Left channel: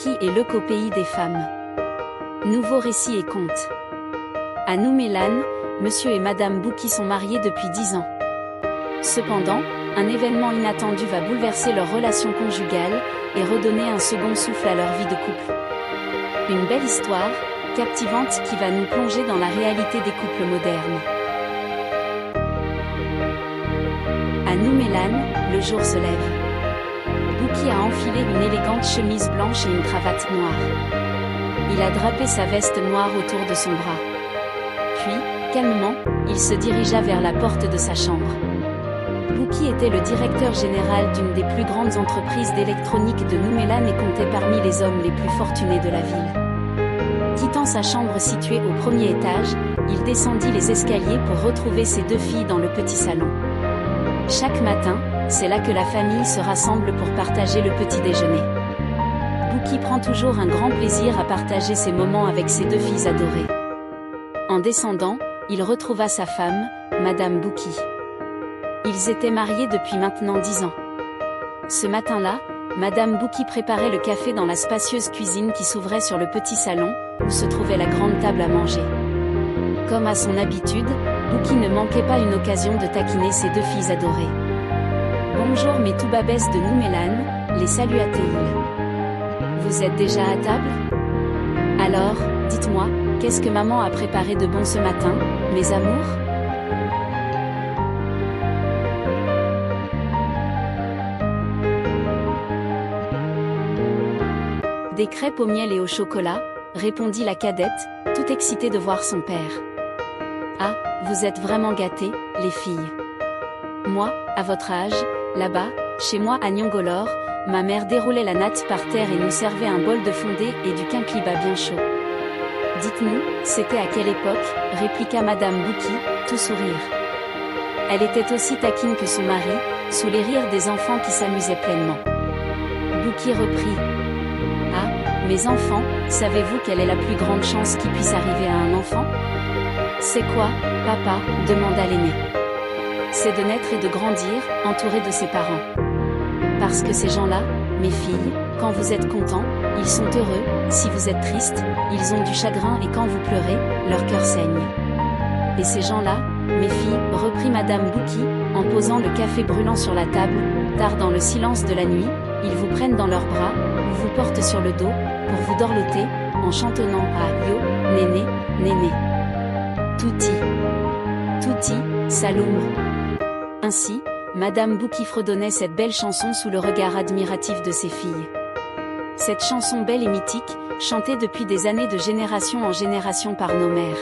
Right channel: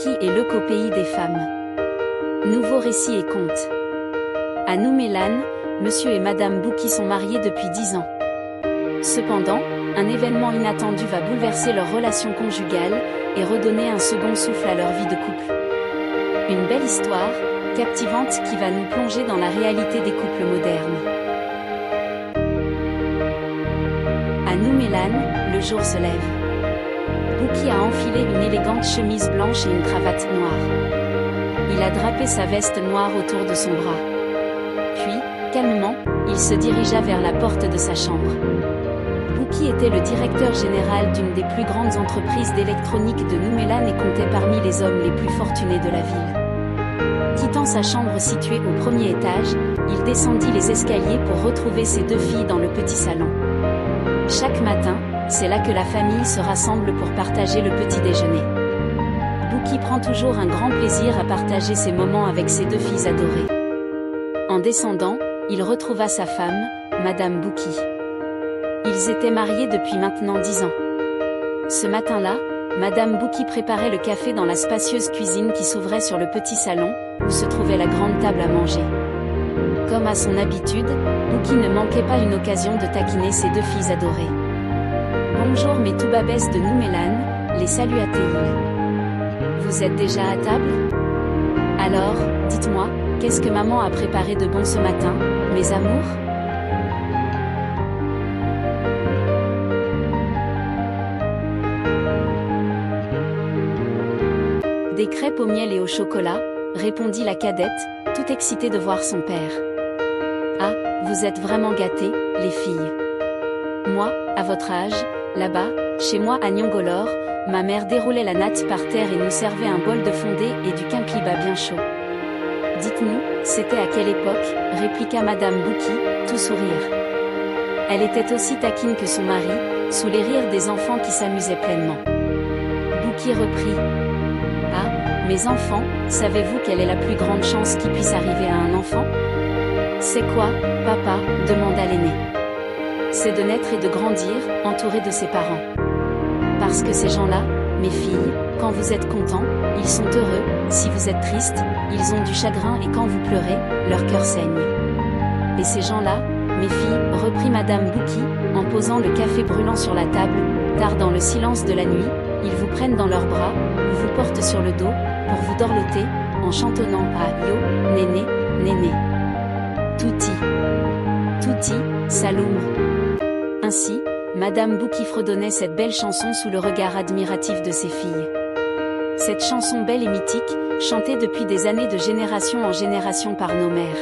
Bouki et Leuk au pays des femmes. Nouveau récit et conte. À Noumélan, monsieur et madame Bouki sont mariés depuis 10 ans. Cependant, un événement inattendu va bouleverser leur relation conjugale et redonner un second souffle à leur vie de couple. Une belle histoire, captivante qui va nous plonger dans la réalité des couples modernes. À Noumélan, le jour se lève. Bouki a enfilé une élégante chemise blanche et une cravate noire. Il a drapé sa veste noire autour de son bras. Puis, calmement, il se dirigea vers la porte de sa chambre. Bouki était le directeur général d'une des plus grandes entreprises d'électronique de Noumélan et comptait parmi les hommes les plus fortunés de la ville. Quittant sa chambre située au premier étage, il descendit les escaliers pour retrouver ses 2 filles dans le petit salon. Chaque matin, c'est là que la famille se rassemble pour partager le petit déjeuner. Bouki prend toujours un grand plaisir à partager ces moments avec ses 2 filles adorées. En descendant, il retrouva sa femme, madame Bouki. Ils étaient mariés depuis maintenant 10 ans. Ce matin-là, madame Bouki préparait le café dans la spacieuse cuisine qui s'ouvrait sur le petit salon, où se trouvait la grande table à manger. Comme à son habitude, Bouki ne manquait pas une occasion de taquiner ses 2 filles adorées. Bonjour mes toubabesses de Noumélan, les salua-t-il. Vous êtes déjà à table? Alors, dites-moi, qu'est-ce que maman a préparé de bon ce matin, mes amours? Des crêpes au miel et au chocolat, répondit la cadette, tout excitée de voir son père. Ah, vous êtes vraiment gâtés, les filles. Moi, à votre âge, là-bas, chez moi à Nyongolor, ma mère déroulait la natte par terre et nous servait un bol de fondé et du kinkliba bien chaud. Dites-nous, c'était à quelle époque, répliqua madame Bouki, tout sourire. Elle était aussi taquine que son mari, sous les rires des enfants qui s'amusaient pleinement. Bouki reprit. Ah, mes enfants, savez-vous quelle est la plus grande chance qui puisse arriver à un enfant? C'est quoi, papa? Demanda l'aîné. C'est de naître et de grandir, entouré de ses parents. Parce que ces gens-là, mes filles, quand vous êtes contents, ils sont heureux, si vous êtes tristes, ils ont du chagrin et quand vous pleurez, leur cœur saigne. Et ces gens-là, mes filles, reprit madame Bouki, en posant le café brûlant sur la table, tard dans le silence de la nuit, ils vous prennent dans leurs bras, ou vous portent sur le dos, pour vous dorloter, en chantonnant à Yo, néné, néné. Touti. Touti, Saloum. Ainsi, madame Bouki fredonnait cette belle chanson sous le regard admiratif de ses filles. Cette chanson belle et mythique, chantée depuis des années de génération en génération par nos mères.